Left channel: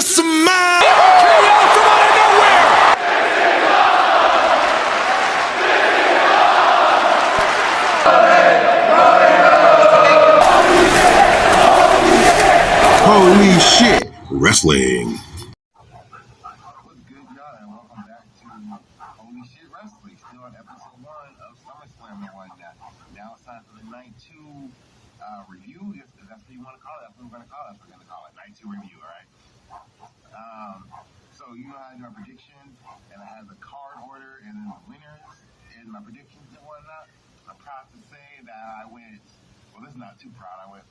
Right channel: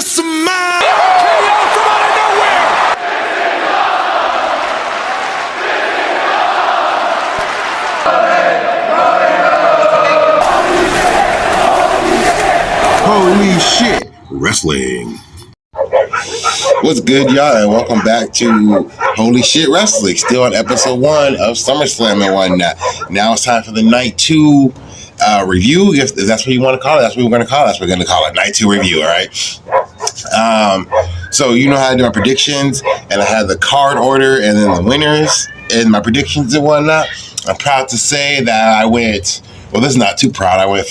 this man! KO from out of nowhere! Holy shit, wrestling. What's good, y'all, and welcome back to Holy Shit Wrestling. Still on episode 1 of SummerSlam and whatnot. Now it's time for the Night 2 review. If that's what you want to call it, that's what we're going to call it. That's what we're going to call it, Night 2 review, all right? So you know how I do my predictions, and I have the card order and then the winners and my predictions and whatnot. I'm proud to say that I went, well, this is not too proud. I went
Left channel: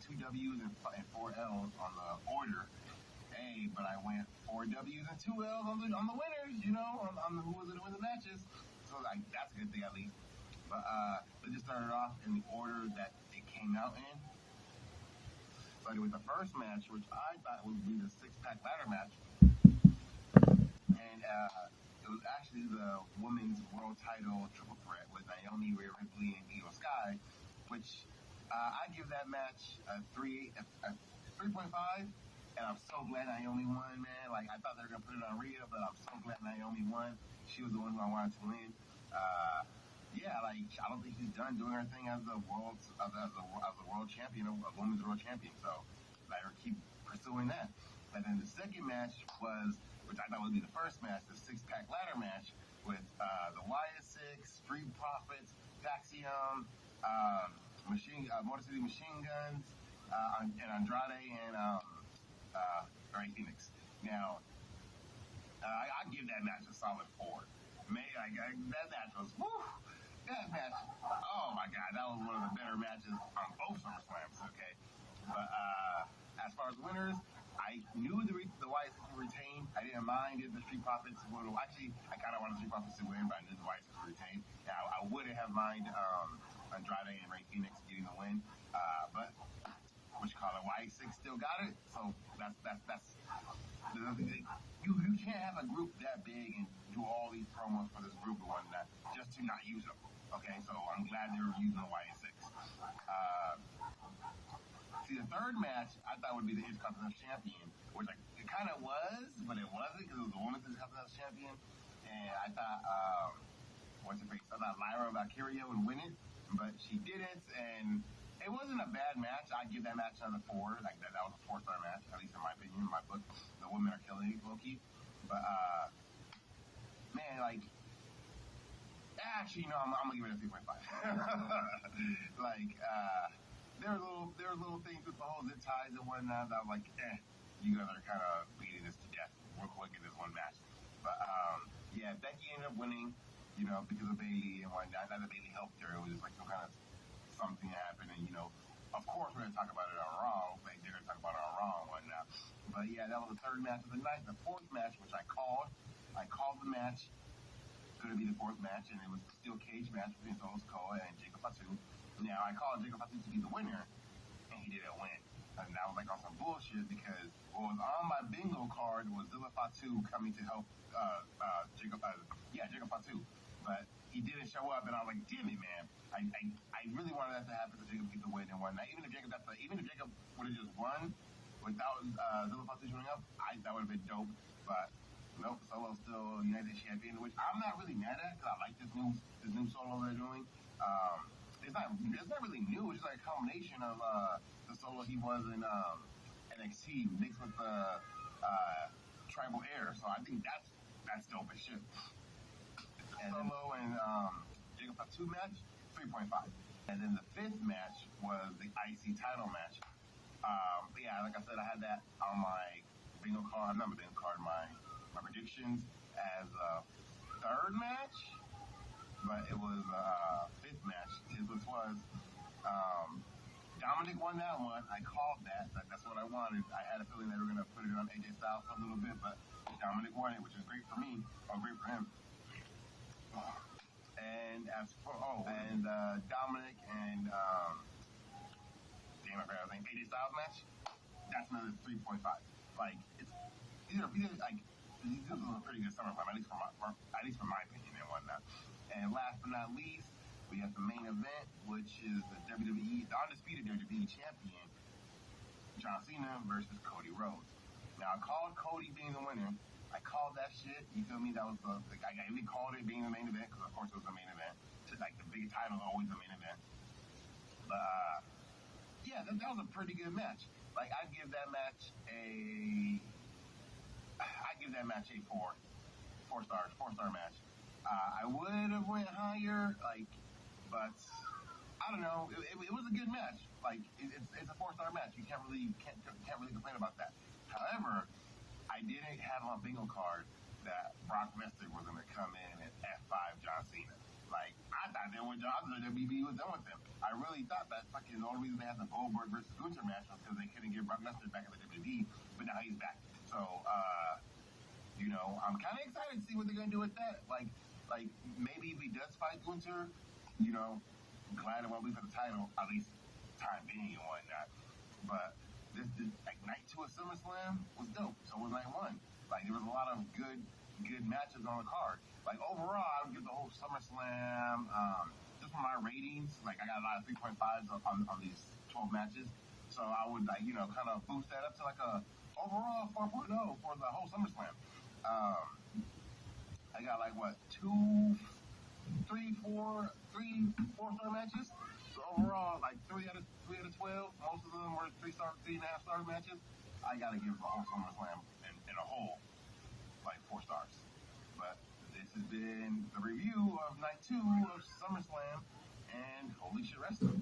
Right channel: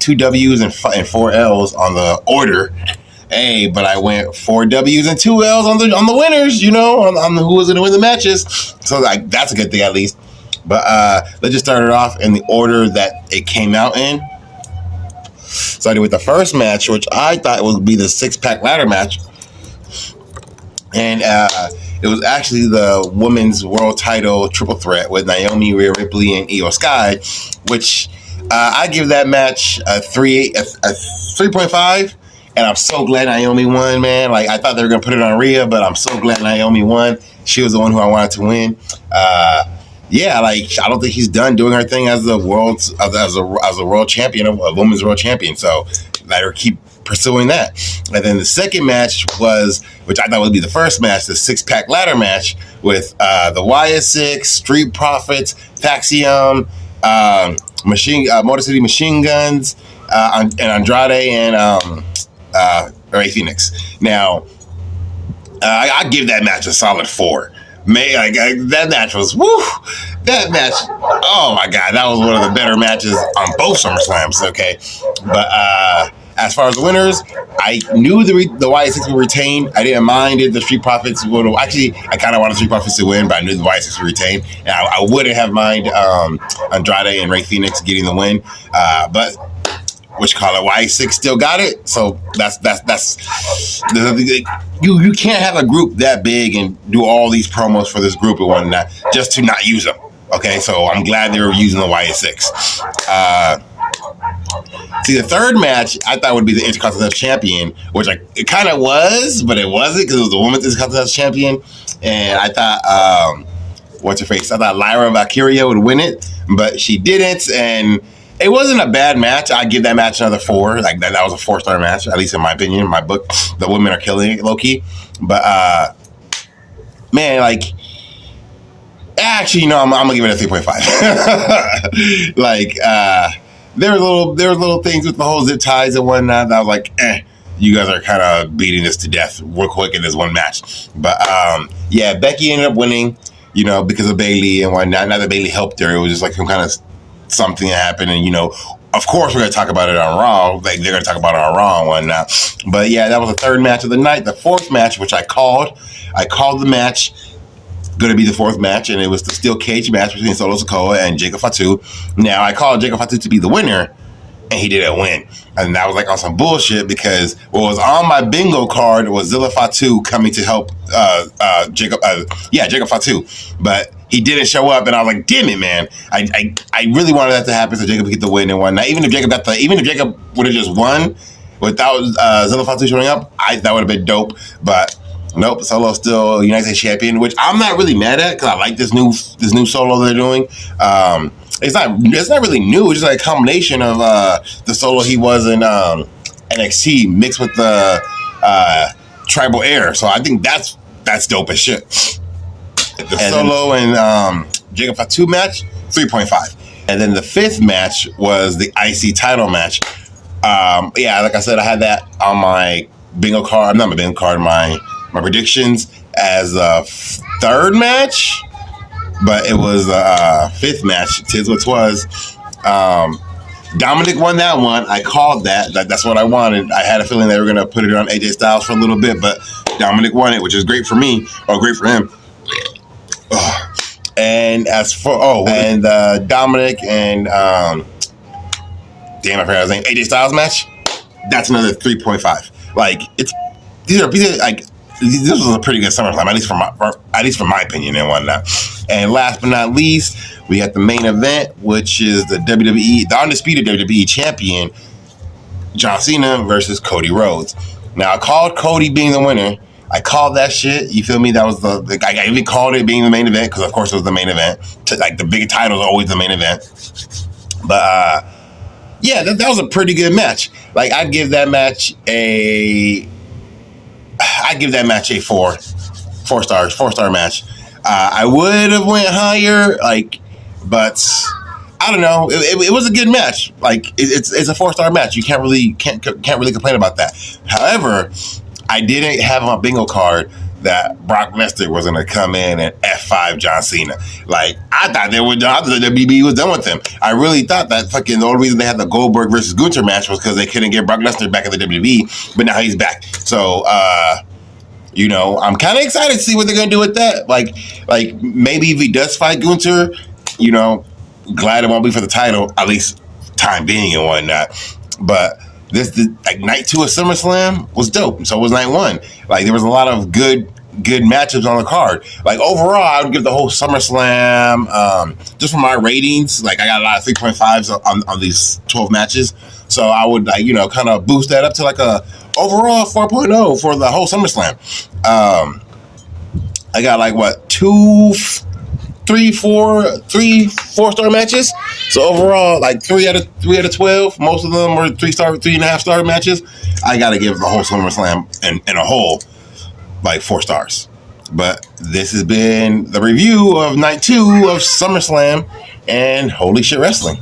2 W's and 4 L's on the order. Hey, but I went 4 W's and 2 L's on the winners, you know, on who was going to win the matches. So that's a good thing at least. But let's just start it off in the order that it came out in. Starting with the first match, which I thought would be the 6-pack ladder match. And it was actually the women's world title triple threat with Naomi, Rhea, Ripley, and Io Sky, which I give that match a 3.5. And I'm so glad Naomi won, man. Like, I thought they were going to put it on Rhea, but I'm so glad Naomi won. She was the one who I wanted to win. Yeah, like, I don't think she's done doing her thing as the world's as a world champion, a women's world champion. So let her keep pursuing that. And then the second match was, which I thought would be the first match, the 6-pack ladder match with the Wyatt 6, Street Profits, Fraxiom, Motor City Machine Guns, and Andrade and Fenix. Now, I give that match a solid 4. Man, that match was, woo! That match, oh my God, that was one of the better matches on both SummerSlams, okay? But as far as the winners, I knew the Wyatt 6 would retain. I didn't mind it. The Street Profits would have, actually, I kind of wanted the Street Profits to win, but I knew the Wyatt 6 would retain. And I wouldn't have minded Andrade and Rey Fenix getting the win. But Wyatt 6 still got it, so that's you can't have a group that big and do all these promos for this group and whatnot just to not use them. Okay, so I'm glad they were using the Wyatt 6. See, the third match I thought would be the Intercontinental Champion, which it kind of was, but it wasn't because it was the Women's Intercontinental Champion, and I thought what's her face? I thought Lyra and Valkyria would win it, but she didn't, and it wasn't a bad match. I'd give that match another 4. Like that was a 4-star match, at least in my opinion. In my book, the women are killing it, low key. But man, like, actually, no, I'm gonna give it a 3.5. Like, there were little things with the whole zip ties and whatnot that I was like, you guys are kind of beating this to death real quick in this one match. But yeah, Becky ended up winning, you know, because of Bayley and whatnot. Not that Bayley helped her; it was just like some kind of something that happened, and you know, of course we're going to talk about it on Raw. Like, they're going to talk about it on Raw and whatnot. But yeah, that was the third match of the night. The fourth match, which I called the match going to be the fourth match, and it was the steel cage match between Solo Sikoa and Jacob Fatu. Now, I called Jacob Fatu to be the winner, and he didn't win. And that was like on some bullshit because what was on my bingo card was Zilla Fatu coming to help Jacob Fatu. But he didn't show up, and I was like, damn it, man. I really wanted that to happen so Jacob could get the win and whatnot. Even if Jacob would have just won without Zilla Fatu showing up, that would have been dope. But nope, Solo's still United States champion, which I'm not really mad at because I like this new Solo they're doing. It's not really new. It's just like a combination of the Solo he was in NXT mixed with the Tribal Air. So I think that's dope as shit. The Solo and Jacob Fatu match, 3.5. And then the fifth match was the IC title match. Yeah, like I said, I had that on my bingo card. Not my bingo card, my predictions as a third match. But it was a fifth match. Tis what 'twas. Dominik won that one. I called that. That's what I wanted. I had a feeling they were going to put it on AJ Styles for a little bit, but Dominik won it, which is great for me, or great for him. And as for Dominik and damn, I forgot his name. AJ Styles match. That's another 3.5. Like these are like this was a pretty good SummerSlam, at least from my opinion and whatnot. And last but not least, we had the main event, which is the Undisputed WWE champion, John Cena versus Cody Rhodes. Now I called Cody being the winner. I called that shit. You feel me? That was I even called it being the main event because of course it was the main event. Like the big title is always the main event. But yeah, that was a pretty good match. Like I'd give that match a 4-star match. I would have went higher, but I don't know. It was a good match. Like it's a 4-star match. You can't really complain about that. However, I didn't have on my bingo card that Brock Lesnar was going to come in and F5 John Cena. Like, I thought they were done. I thought the WWE was done with them. I really thought that the only reason they had the Goldberg versus Gunther match was because they couldn't get Brock Lesnar back in the WWE, but now he's back. So, I'm kind of excited to see what they're going to do with that. Like maybe if he does fight Gunther, glad it won't be for the title, at least time being and whatnot. But night 2 of SummerSlam was dope. So was night 1. Like there was a lot of good matchups on the card. Like overall, I would give the whole SummerSlam just for my ratings. Like I got a lot of 3.5s on these 12 matches. So I would kind of boost that up to like a overall 4.0 for the whole SummerSlam. I got like what 4-star matches. So overall, like 3 out of 12. Most of them were 3.5-star matches. I got to give the whole SummerSlam in a whole like 4 stars. But this has been the review of night 2 of SummerSlam and Holy Shit Wrestling.